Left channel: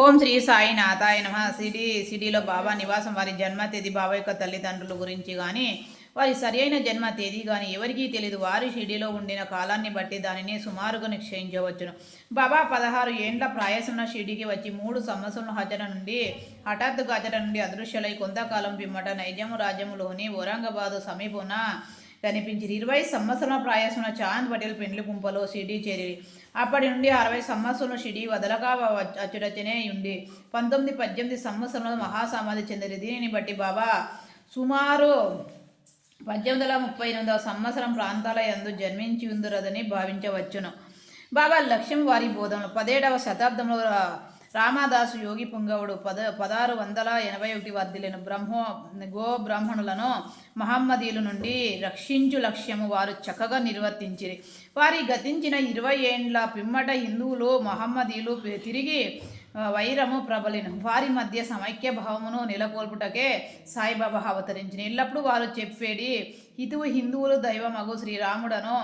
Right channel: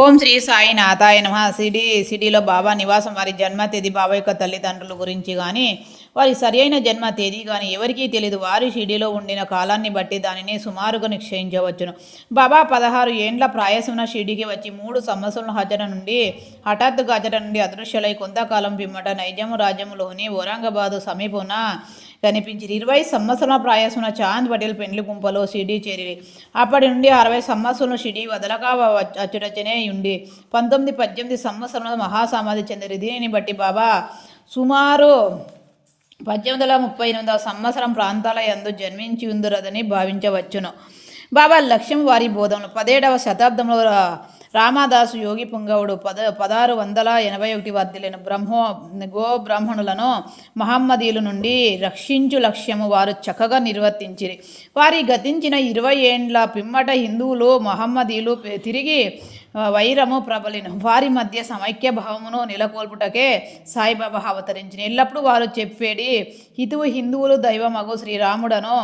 ఓం శ్రీ సాయినాథాయ నమః. సిటీలో బాబా నివాసం, వారి జన్మ తేదీ, బాబా యొక్క తల్లిదండ్రుల గురించి కానీ వారి సరి అయిన జన్మ తేదీ కానీ ఎవరికీ తెలియదు. వారి షిరిడీలో ఉండిన కాలాన్ని బట్టి దానిని సుమారుగా నిశ్చయించవచ్చును. బాబా 16 ఏండ్ల ప్రాయసున షిరిడీకి వచ్చి 3 సంవత్సరాల హఠాత్తుగా హజర నుండి అదృశ్యులై కొంతకాలం పిమ్మట నైజాము రాజ్యంలోని ఔరంగాబాదు సమీపమున కనిపించింది. 20 సంవత్సరాల ప్రాయసున చాంద్ పటేల్ పెండ్లి గుంపలో షిరిడీ చేరి అప్పటి నుండి 60 సంవత్సరాలు షిరిడీ వదలక అచ్చుడచ్చనే ఉండి 18 సంవత్సరంలో మహాసమాధి చెందిరి. దీనిని బట్టి బాబా సుమారు 1838 సంవత్సరం ప్రాంతాల యందు జన్మించి ఉందరదని భావించవచ్చును. బాబా లక్ష్యం వారి బోధనలు. 17వ శతాబ్దంలో రామదాసు యోగి పుంగవుడు 1681 వర్ధిల్లిన బ్రాహ్మణులను మహమ్మదీయుల నుండి రక్షించు లక్ష్యము వారు చక్కగా నిర్వర్తించిరి. వారి గతించిన 20 ఏండ్ల పిమ్మట హిందువులు మహమ్మదీయులు తిరిగి వైరము ప్రబలిన వారి మధ్య సమైక్య భావమును నెలకొల్పుటకే సాయిబాబా అవతరించిన. ఎల్లప్పుడూ వారు చెప్పేది హితువు హిందువులు దైవమగు శ్రీరాముడను,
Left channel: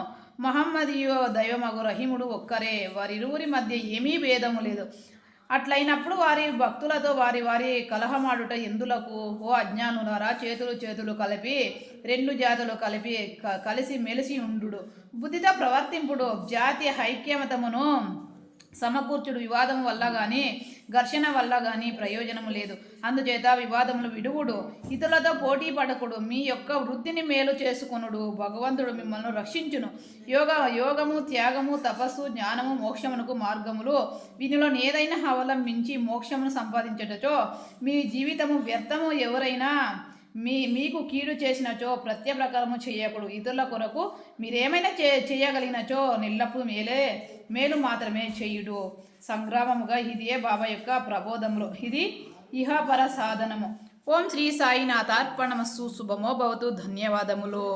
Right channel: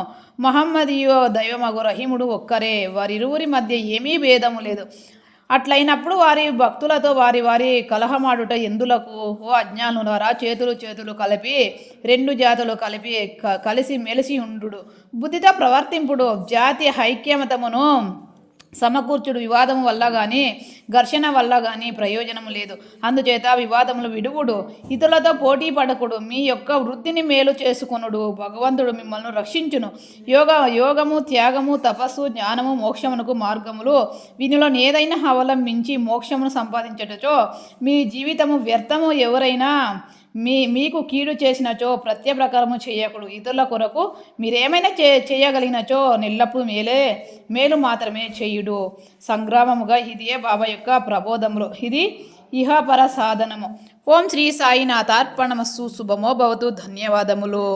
మహమ్మదీయు దైవమగు రహీముడు ఒక్కరే, వారిరువురి మధ్య ఏమీ భేదము లేదు. అట్లయినప్పుడు వారి భక్తులతో వారి కలహమాడుట ఎందులకు? ఓ అజ్ఞానులారా, చేతులు కలిపి 2 జాతులు కలిసి మెలిసి ఉండు, బుద్ధితో ప్రవర్తింపుడు, జాతి ఐక్యమతమును సమకూర్చుడు. వివాదం వల్ల కానీ ఘర్షణ వల్ల కానీ ప్రయోజనం లేదు. అందుచేత వివాదములు విడువుడు, ఇతరులతో పోటీ పడకుడు, మీ యొక్క వృద్ధిని మేలు చేసుకొనుడు. భగవంతుడు మిమ్మల్ని రక్షించును. యోగము, త్యాగము, తపస్సు, జ్ఞానము, మోక్షమునకు మార్గములు. వీనిలో ఏదైనా అవలంబించి మోక్షమును సంపాదించటచో మీ జీవితము వ్యర్థము. ఎవరైనా మీకు కీడు చేసినచో ప్రకారము చేయకుడు. ఇతరుల కొరకు మీరేమైనా చేయగలిగినచో నెల్లప్పుడు మేలు మాత్రమే చేయుడు. సంగ్రామముగా ఇదియే బాబా యొక్క ప్రబోధములు. ఇది ఇహపర సాధనము. ఓం శ్రీ సాయినాథార్పణమస్తు. శుభమో భవతు. ధన్యవాదములు.